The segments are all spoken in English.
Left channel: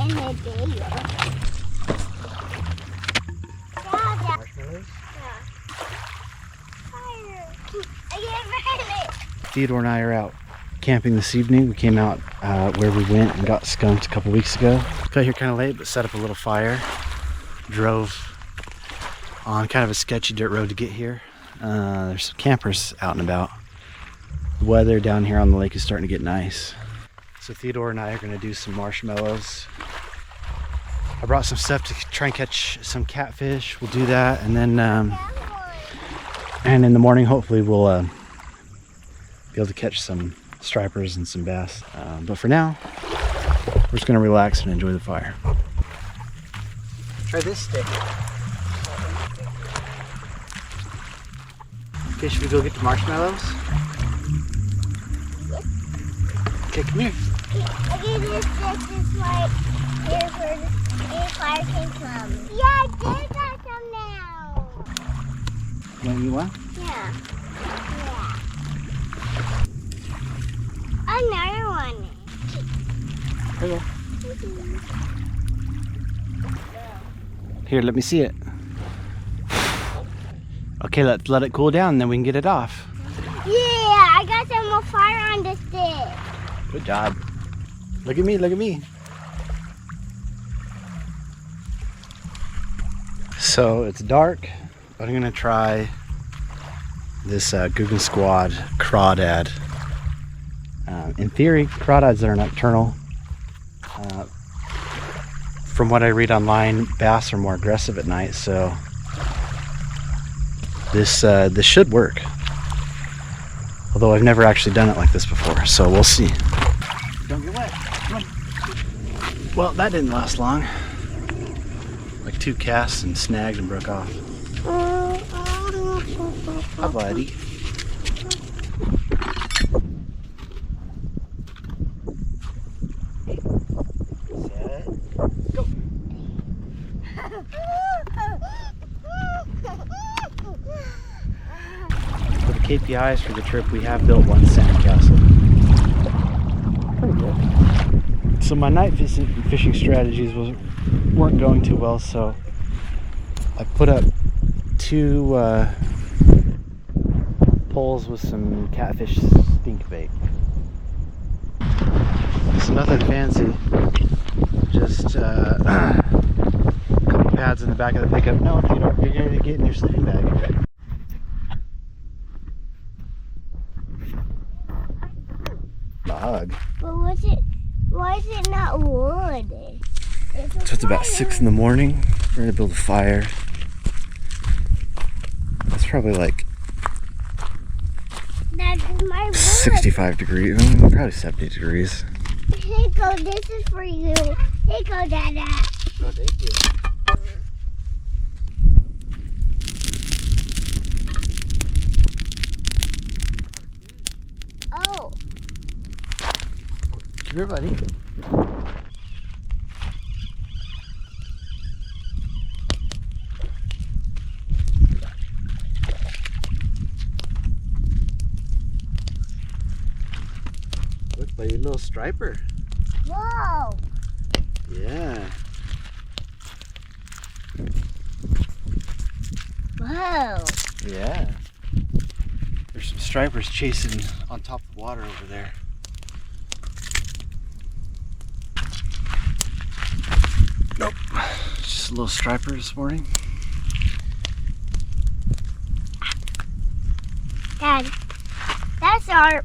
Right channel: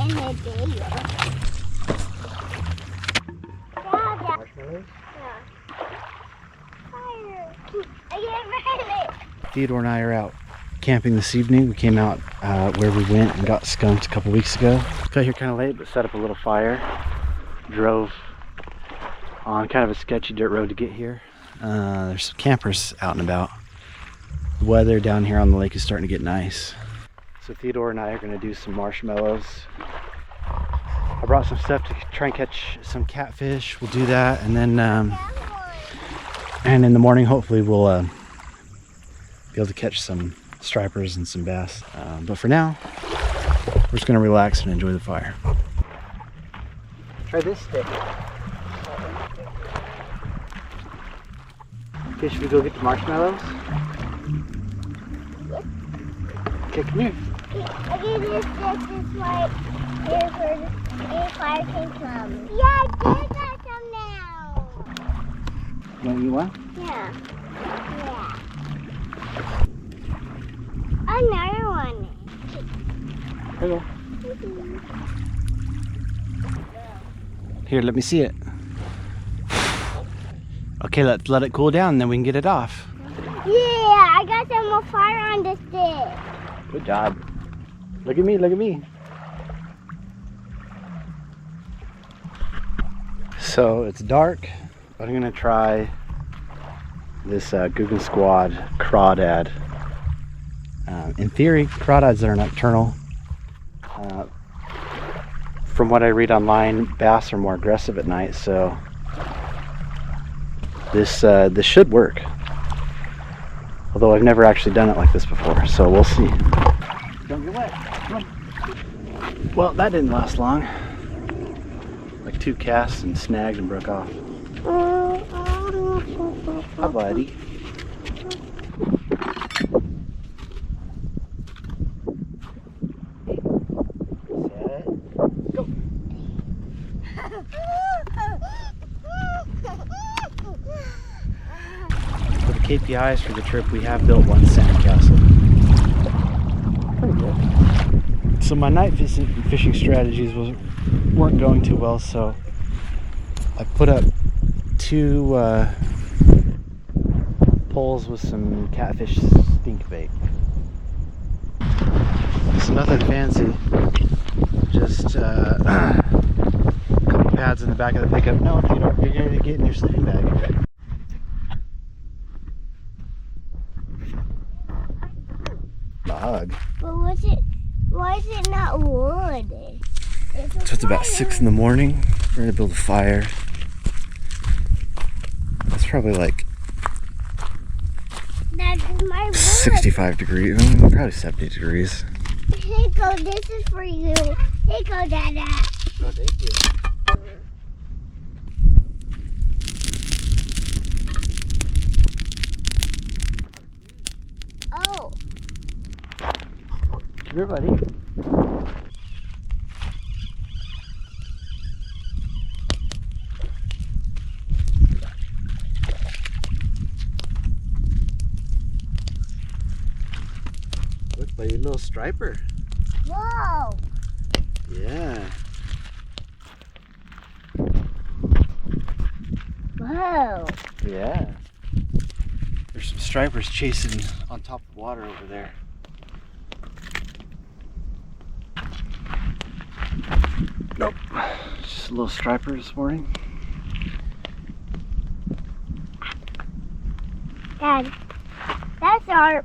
And a video. Marshmallows? Yeah. Fire. I get ready. Theodore and I are out camping this evening. We came out where we went and got skunked a couple weeks ago. Got here kind of late, but set up a little fire. Drove on kind of a sketchy dirt road to get here. There's some campers out and about. The weather down here on the lake is starting to get nice. So Theodore and I are going to do some marshmallows. I brought some stuff to try and catch some catfish. We'll do that, and then and in the morning hopefully we'll be able to catch some stripers and some bass. But for now, we're just going to relax and enjoy the fire. Try this stick. Okay, should we go get the marshmallows? Okay, come here. Okay, this is like here for the fire can come. Yeah, I got some now. You want? Yeah. Yeah. Another one. Hello. Here, let me see it. Okay, let's let it cool down and then we can get it off. Yeah, I got some more fire on the stick. Good job. Look at me, look at me. So it's dark, but I'm gonna try this Guggen Squad crawdad. In theory, crawdads are nocturnal. From what I read online, bass are more aggressive at night, so this should work. Although I've never actually done it like this before, so we'll see. Don't get wet. Come on. Well, that didn't last long. Like 2 casts and snagged and broke off. Hi, buddy. Set. Go. For the KPIs for the trip, we have built 1 sandcastle. Pretty good. So my night fishing strategies weren't going too well, so I put up 2 poles with some catfish stink bait. It's nothing fancy, just a couple pads in the back of the pickup. No, you're going to get in your sleeping bag. Bug. But why is it not wood? So it's about 6 in the morning. We're gonna build a fire. It's probably like That's my wood. 65 degrees, probably 70 degrees. Hey, go, this is for you. Hey, go, Dada. Oh, thank you. Oh. Come here, buddy. Look, buddy, a little striper. Whoa. Yeah. Whoa. Yeah. There's some stripers chasing on top of the water over there. Nope. Just a little striper this morning. Dad, that's sharp.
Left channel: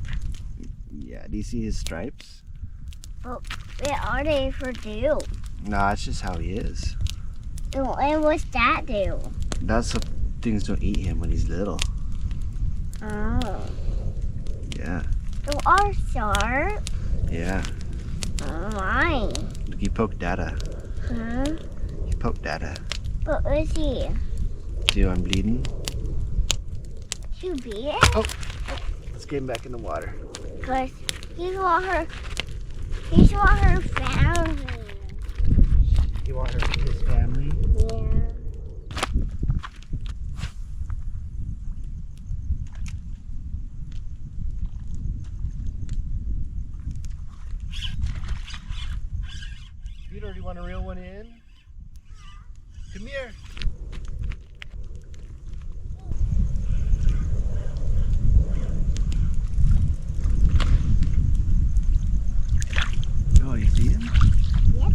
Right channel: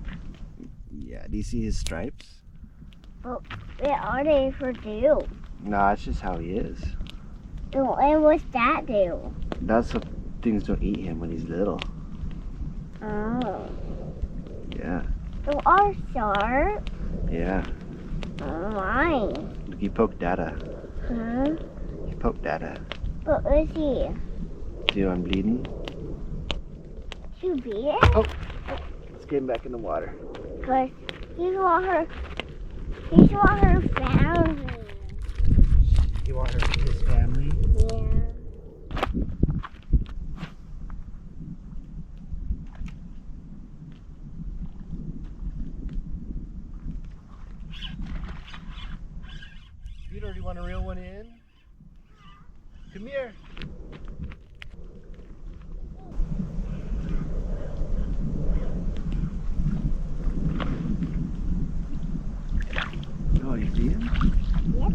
Yeah, do you see his stripes? But what are they for do? Nah, it's just how he is. And what's that do? That's so things don't eat him when he's little. Oh. Yeah. They are sharp. Yeah. Oh my. Look, you poke Dada. Huh? You poke Dada. But is he? See how I'm bleeding? Too big? Oh. Let's get him back in the water. Because he's want her family. You want her to his family? Yeah. You or do you want to reel one in? Come here. Oh, you see him? Yep.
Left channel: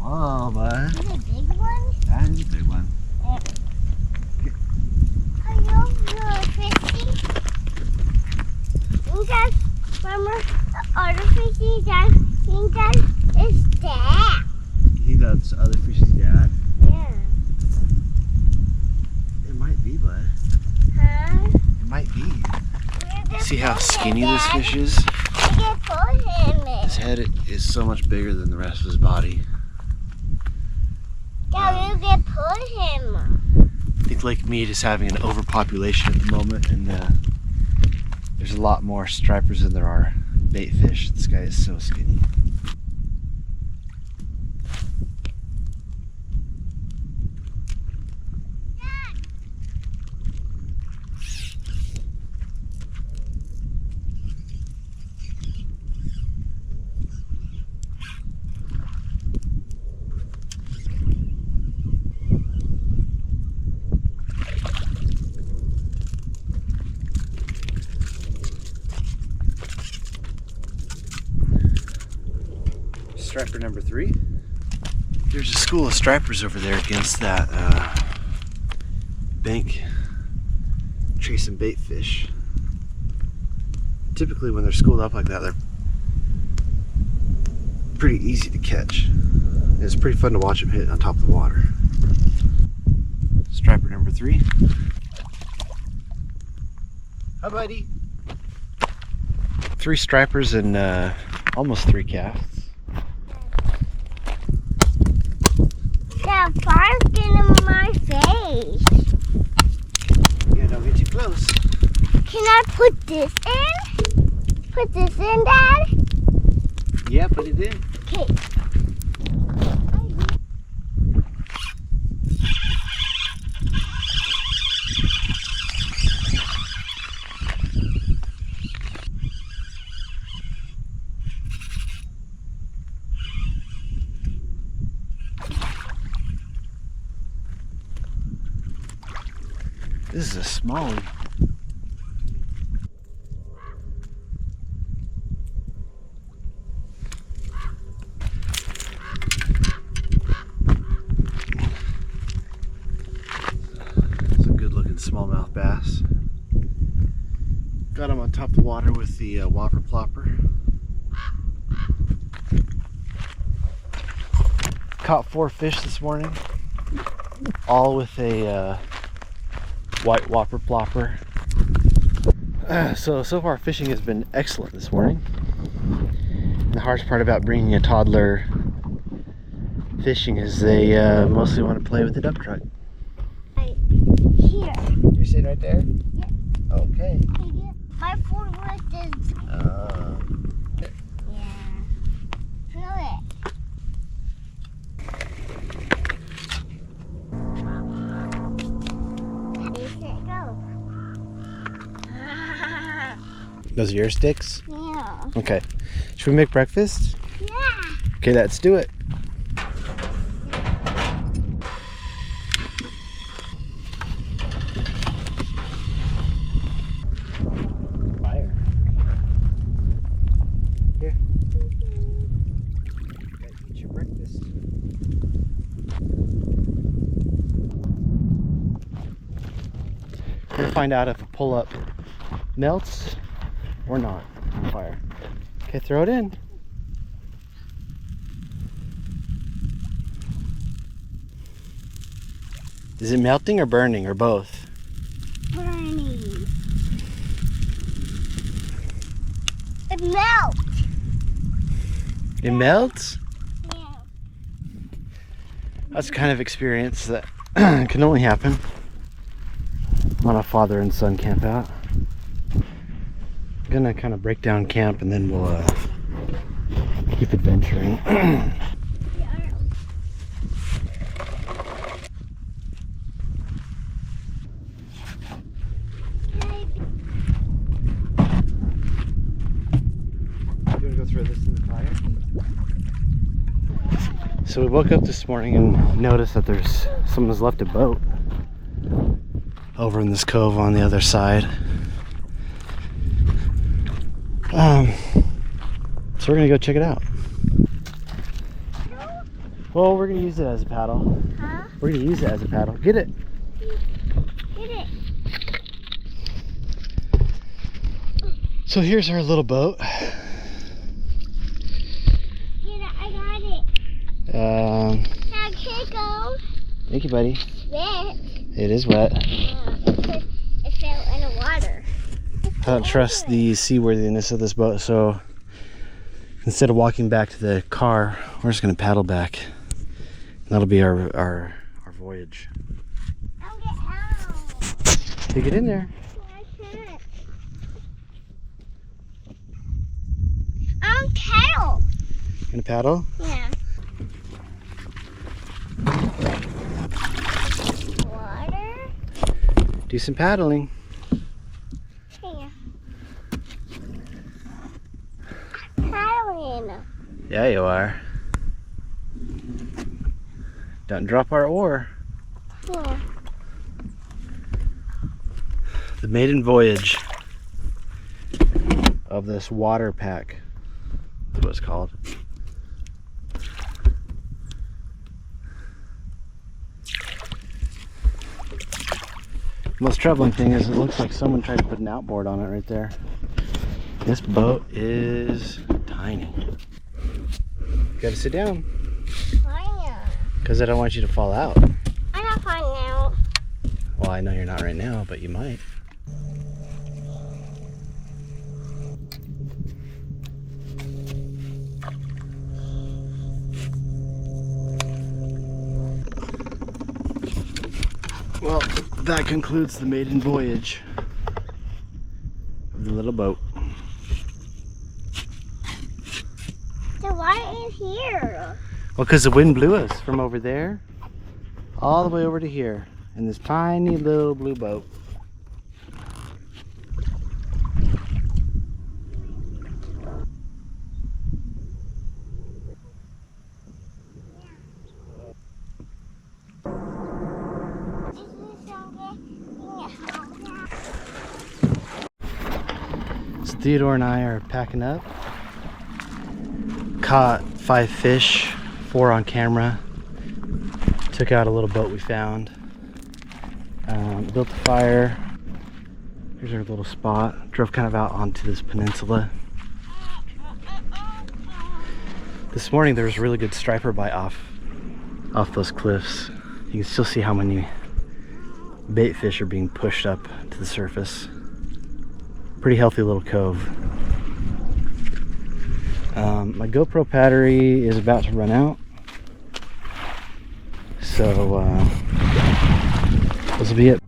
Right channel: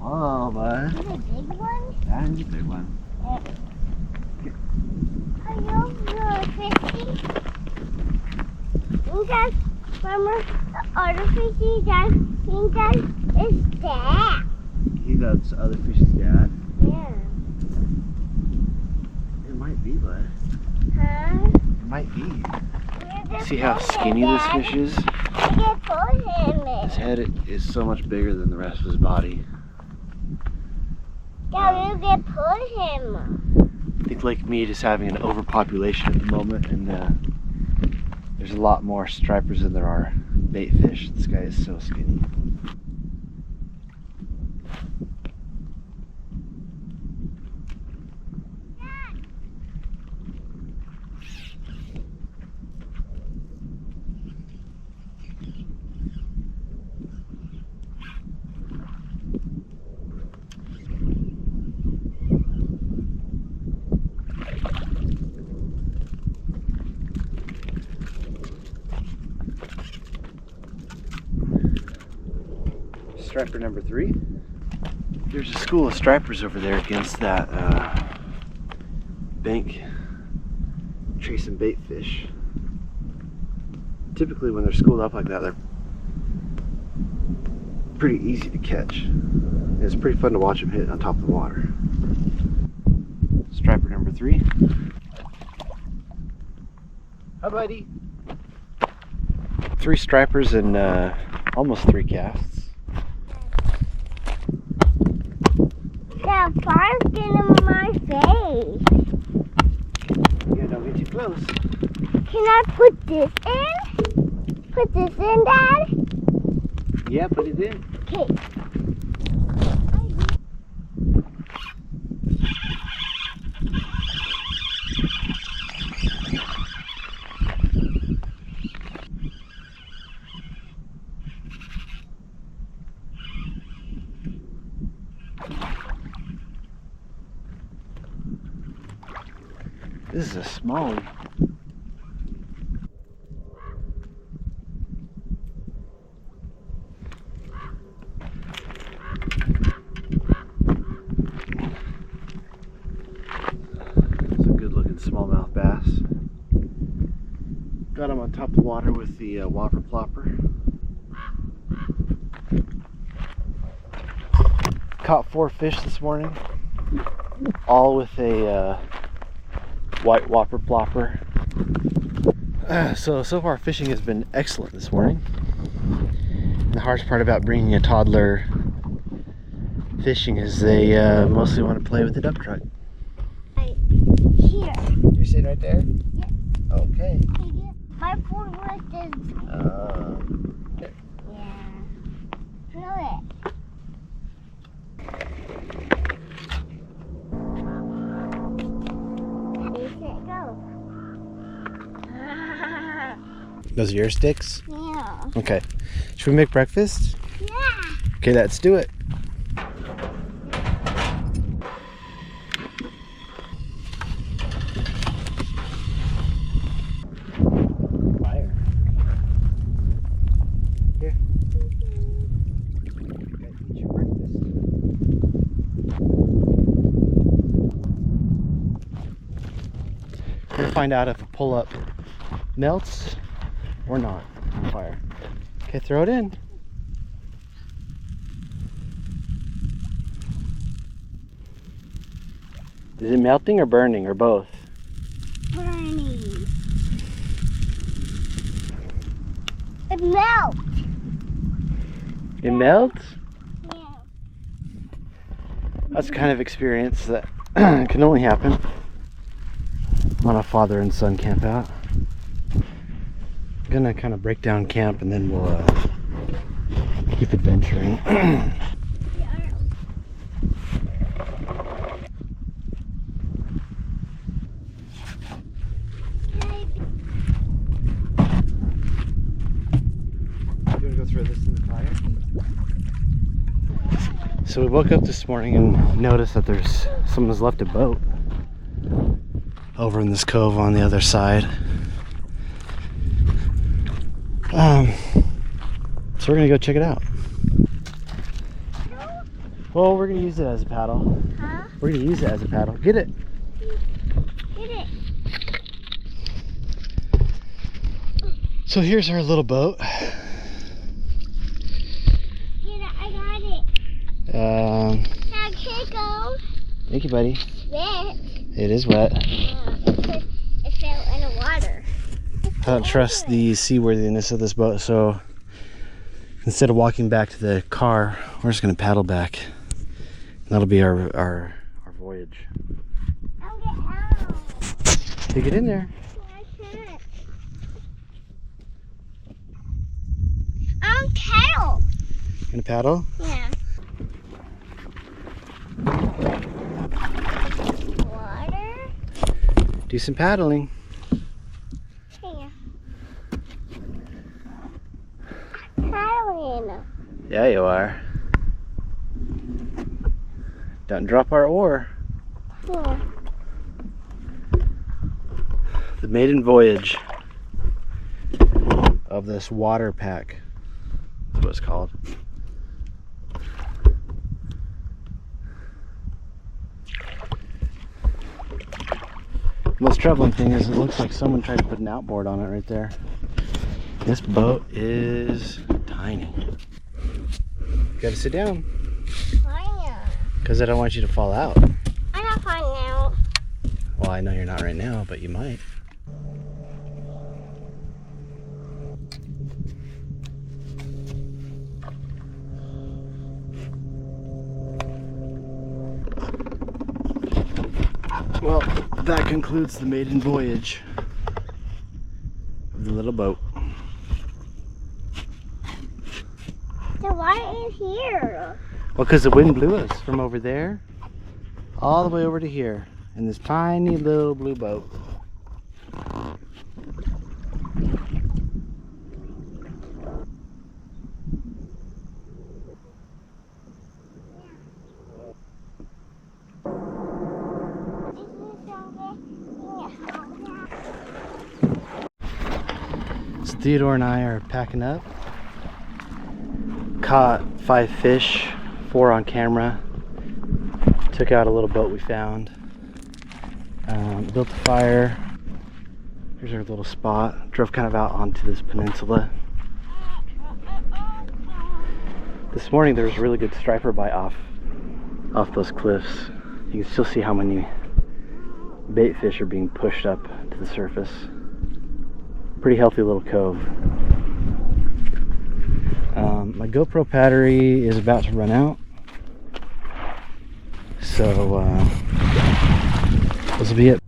Oh, bud. Is it a big one? That is a big one. Are you fishy? That remember the other fishy that think that is dad. You think that's the other fish's dad? Yeah. It might be, bud. Huh? It might be. See how skinny this fish is? I can put him in. His head is so much bigger than the rest of his body. Dad, you can put him. I think Lake Mead is having an overpopulation at the moment, and there's a lot more stripers than there are bait fish. This guy is so skinny. Striper number 3. There's a school of stripers over there against that bank chasing bait fish. Typically when they're schooled up like that, they're pretty easy to catch. And it's pretty fun to watch them hit on top of the water. Striper number 3. Hi, buddy. 3 stripers and almost 3 casts. Dad, fire's getting in my face. Yeah, don't get too close. Can I put this in? Put this in, Dad? Yeah, put it in. Okay. This is a smallie. It's a good looking smallmouth bass. Got him on top of the water with the whopper plopper. Caught 4 fish this morning, all with a white whopper plopper. So far fishing has been excellent this morning. The hardest part about bringing a toddler fishing is they mostly want to play with the dump truck. Right here. You're sitting right there? Yep. Okay. My forward is. Yeah. Feel it. Those are your sticks? Yeah. Okay. Should we make breakfast? Yeah. Okay, let's do it. Fire. Here. Gotta eat your breakfast. We're gonna find out if a pull-up melts or not on fire. Okay, throw it in. Is it melting or burning or both? Burning. It melts. It melts? Yeah. That's the kind of experience that can only happen on a father and son camp out. I'm gonna kind of break down camp and then we'll keep adventuring. You wanna go throw this in the fire? So we woke up this morning and noticed that someone's left a boat over in this cove on the other side. So we're gonna go check it out. Well, we're gonna use it as a paddle. Huh? We're gonna use it as a paddle. Get it. Get it. So here's our little boat. Get it. I got it. Now can't go. Thank you, buddy. Wet. It is wet. It fell in the water. I don't trust the seaworthiness of this boat, so instead of walking back to the car, we're just gonna paddle back. That'll be our voyage. I'll get out. You get in there. I can't. I'm paddle. Gonna paddle? Yeah. Water. Do some paddling. Here. Paddling. Yeah, you are. Don't drop our oar. Here. The maiden voyage of this water pack. That's what it's called. The most troubling thing is it looks like someone tried to put an outboard on it right there. This boat is tiny. You gotta sit down. Because I don't want you to fall out. I'm not falling out. Well, I know you're not right now, but you might. Well, that concludes the maiden voyage of the little boat. So why in here? Well, because the wind blew us from over there all the way over to here in this tiny little blue boat. So Theodore and I are packing up. Caught 5 fish, 4 on camera. Took out a little boat we found. Built a fire. Here's our little spot. Drove kind of out onto this peninsula. This morning there was a really good striper bite off those cliffs. You can still see how many bait fish are being pushed up to the surface. Pretty healthy little cove. My GoPro battery is about to run out, so this will be it.